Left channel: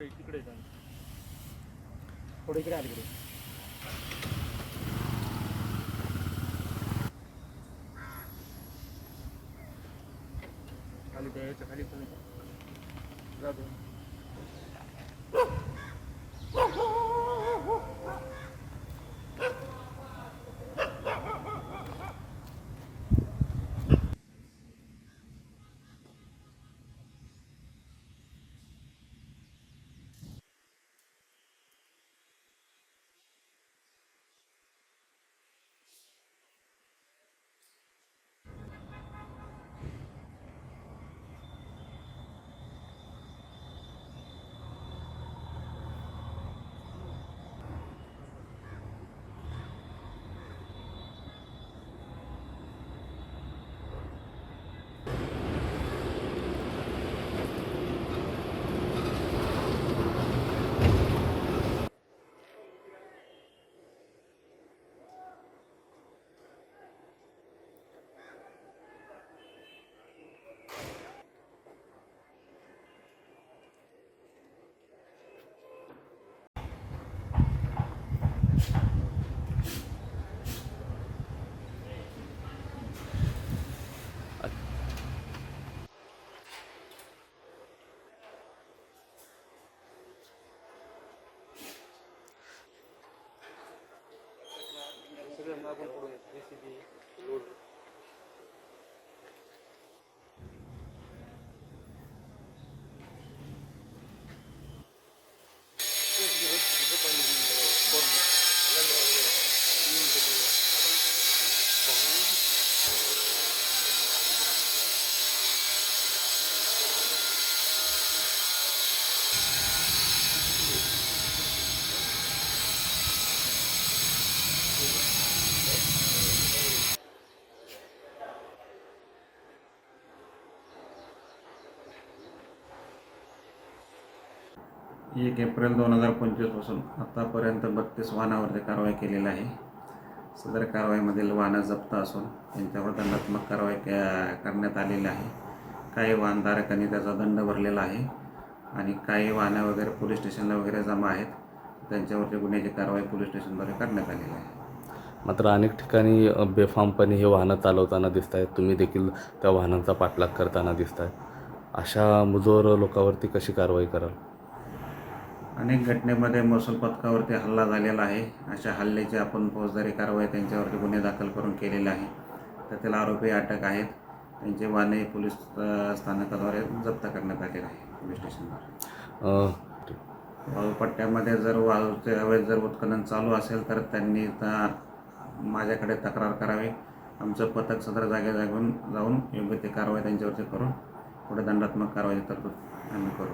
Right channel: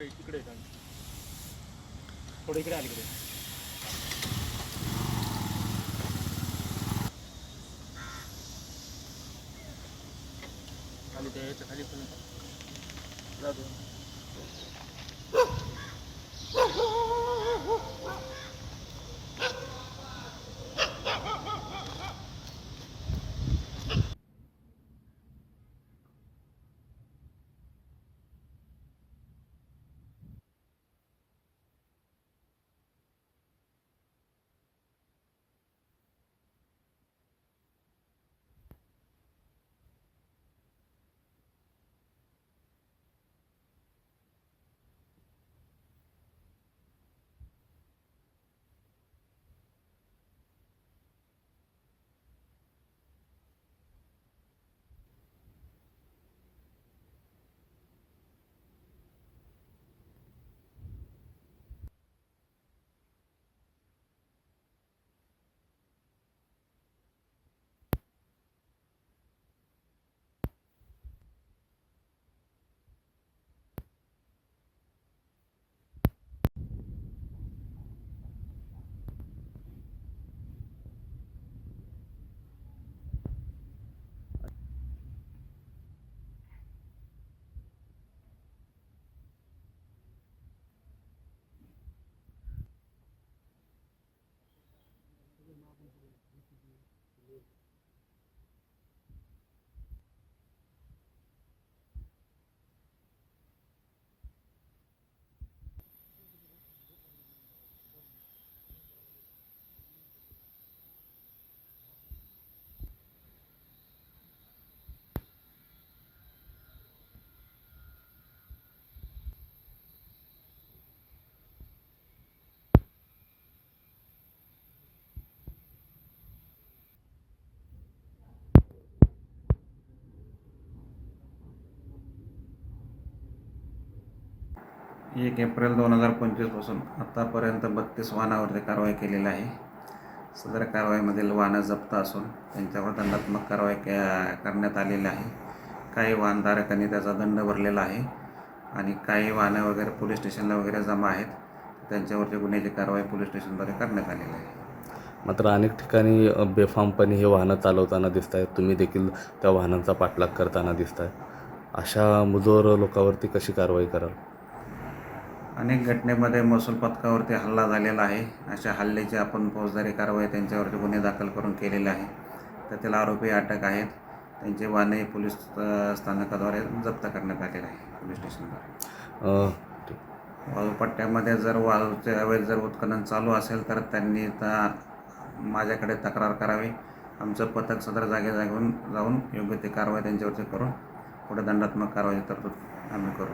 इकडे थोडं इकडे आली इकडे खाली द्यायचं खाली पण एक एप्रिल 2025 पासून आतापर्यंत 32 वाहनावरती कारवाई केलेली आहे. सदर कारवाईमधील वाहनं जप्त असून त्यांच्यावर दंडात्मक कारवाई करण्यात आलेली आहे. काही वाहनधारकांनी त्याचा दंड भरलेला आहे आणि काही वाहनं वगैरे पोलीस स्टेशनला वगैरे जमा आहेत. त्यांच्यावरती गुन्ह्याची कारवाई पोलीस स्टेशनद्वारे करण्यात आलेली आहे. मात्र अनेक ठिकाणी बेफामपणे हे वाहनं चालवताना दिसत आहेत. तुम्ही देखील त्या वाहनांचा पाठलाग करताना दिसत आहे. अशा मुजोर लोकांवरती कशी कारवाई कराल? अनेक घटनेमध्ये महसूल पथकावरती हल्ला झालेला आहे. अशा हल्ल्याची आपण फौजदारी कारवाई त्यांच्यावरती गुन्हे दाखल करून केलेले आहे. त्यातील आरोपी अटक आहेत. त्यांचे वाहने पोलीस स्थानकाद्वारे जप्त करण्यात आलेले आहे पोलीस स्टेशनद्वारे. वाळूपट्ट्यामध्ये जर वाळूचे अवैध जर उत्खनन चालू असेल तर त्यांनी माझ्याकडे तक्रार करावी. आमचं पथक सदर जागेवर जाऊन योग्य ती कारवाई त्यांच्यावरती करून पुढे दंडात्मक कारवाई तरतूद आम्ही करू.